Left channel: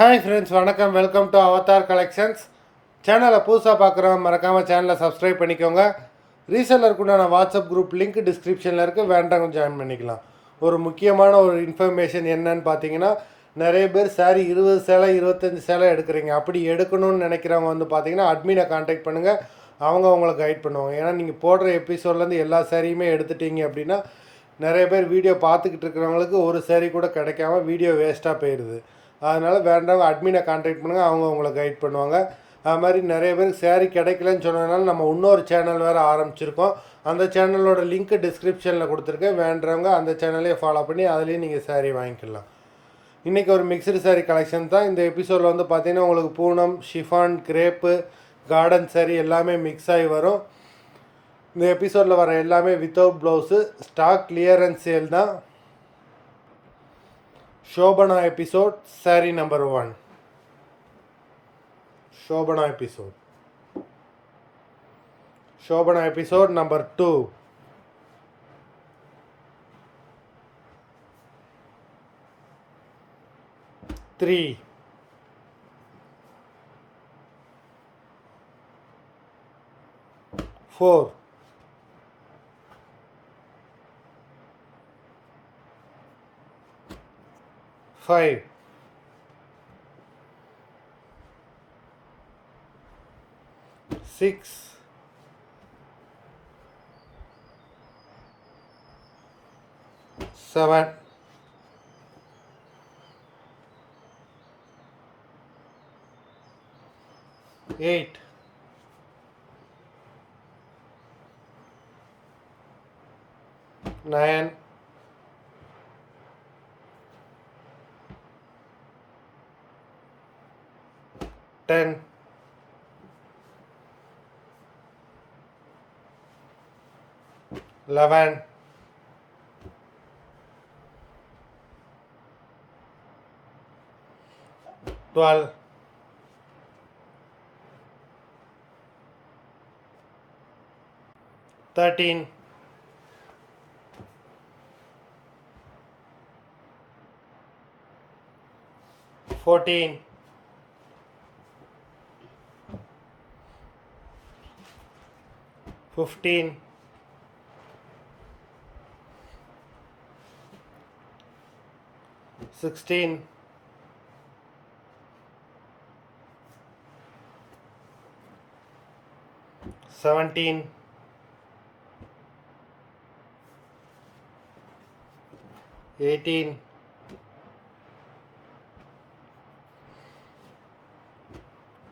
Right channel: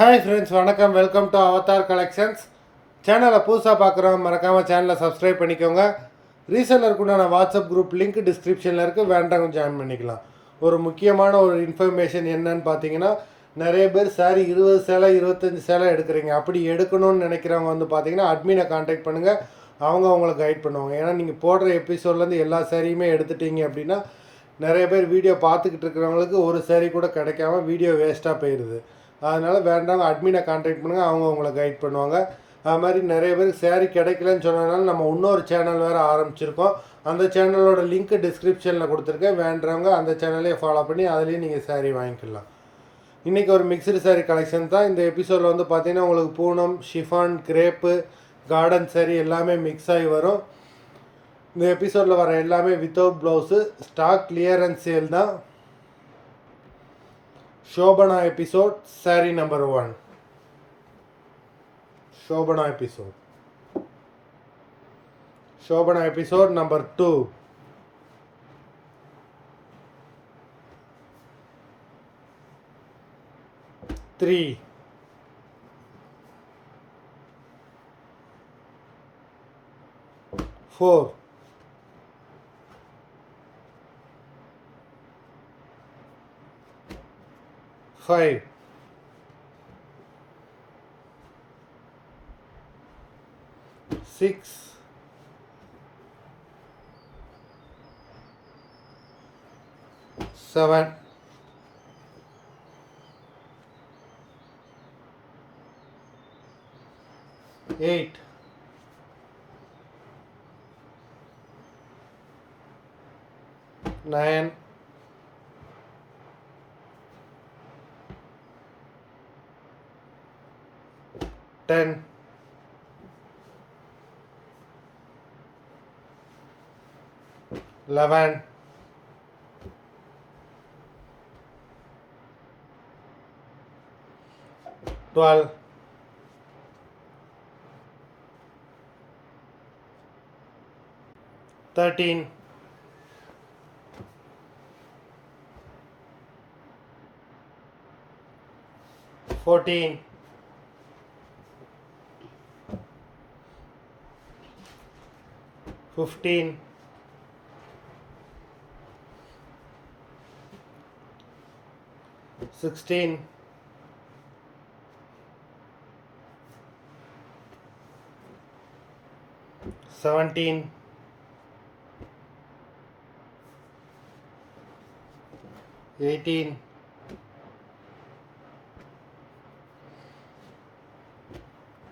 Hi friends, வணக்கம். Welcome to Avatar collections. சேனலை புதுசாக பார்க்குறோம், மறக்காமல் சேனலை சப்ஸ்கிரைப் பண்ணிக்கோங்க. ரீசெல்லருக்கு உண்டான வாட்ஸ்அப் குரூப் லிங்க் டிஸ்கிரிப்ஷனில் இருக்குது, வேண்டாம் ஜாயின் பண்ணிக்கலாம். ஒரு முக்கியமான ஒரு இன்ஃபர்மேஷன் என்னன்னு பார்த்தீங்கன்னா, நிறைய பேர் சாரி 20 சேலை 25 சேலை எடுக்கிறீங்க. அப்படி எடுக்கணும்னு நினைக்கிறவங்க வந்து பார்த்தீங்கன்னா அட்மினை கான்டாக்ட் பண்ணுங்கள், அவங்க உங்களுக்கு கைட் பண்ணுவாங்க. ஏன்னா நீங்கள் போடுற எபிசோட்லேருந்து எல்லா சாரியுமே எடுத்துட்டீங்க அப்படின்னா நிறைய பேர் வீடியோ பார்த்துக்கிட்டு இருக்கிறவங்களுக்கு ஒரு சாரி கூட கிடைக்காம வீடியோ வேஸ்ட்டாக போயிடுது. அதனால் வேண்டாம், அட்மினை கான்டாக்ட் பண்ணுங்கள், அவங்க உங்களை கைட் பண்ணுவாங்க. அது மாதிரி நிறைய பேருக்கு சேரீ கிடைக்கலன்னு சொன்னதுனால நம்ம இன்னொரு சேனல் வேறு ஆரம்பிச்சிருக்கோம். அந்த சேனலோட லிங்க்கு டிஸ்கிரிப்ஷனில் கொடுத்துருக்கேன். வேண்டவங்க அந்த சேனலையே ஃபாலோ பண்ணி அதுலேயும் நீங்கள் சேரீ வாங்கிக்கலாம். இன்றைக்கி ஒரு மிக்சடு சாரீ கலெக்ஷன் தான். இந்த எபிசோடில் வந்து பார்த்திங்கன்னா உங்களுக்கு Poonam, chiffon, crepe, garden sari எல்லாமே மிக்ஸ் ஆகி வரும். இந்த எபிசோடில் வர எல்லாமே without blouse, stock clearance sale தான். Shobhana episode sari number 1. Shobhana episode number 2. 3. 4. 5. 6. 7. 8. 9. 10. 11. 12. 13. 14. 15. 16. 17. 18.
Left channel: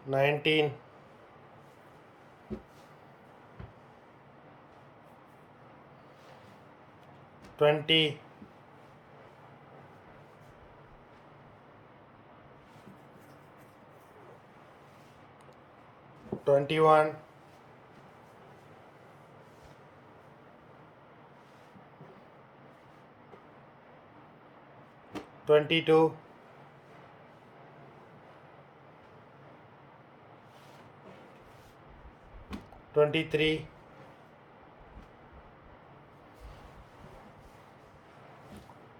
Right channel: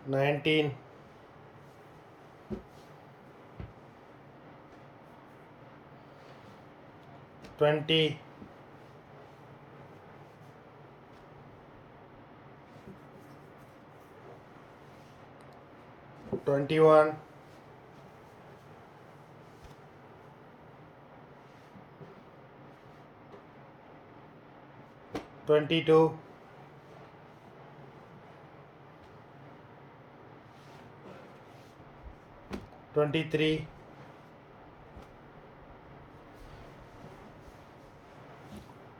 19. 20. 21. 22. 23.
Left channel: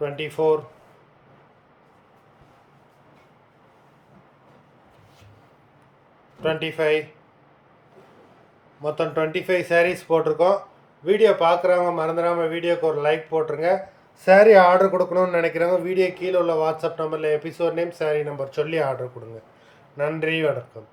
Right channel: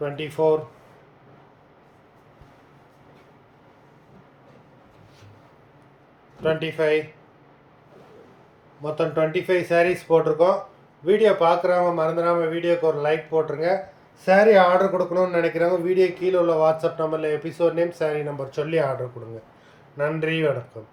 24. 25. மொத்தம் 25 சாரீஸ் போட்டிருக்கோம். வீடியோ பார்க்குறவங்க மறந்துடாமல் வீடியோக்கு ஒரு லைக் போட்டுருங்க. சாரீ ஆர்டர் கொடுக்கணும்னு நினைக்கிறவங்க வீடியோ கீழே உள்ள வாட்ஸ்அப் நம்பரில் எபிசோட் நேம், சாரீ நம்பர் சொல்லி ஆர்டர் கொடுங்க. நன்றி, வணக்கம்.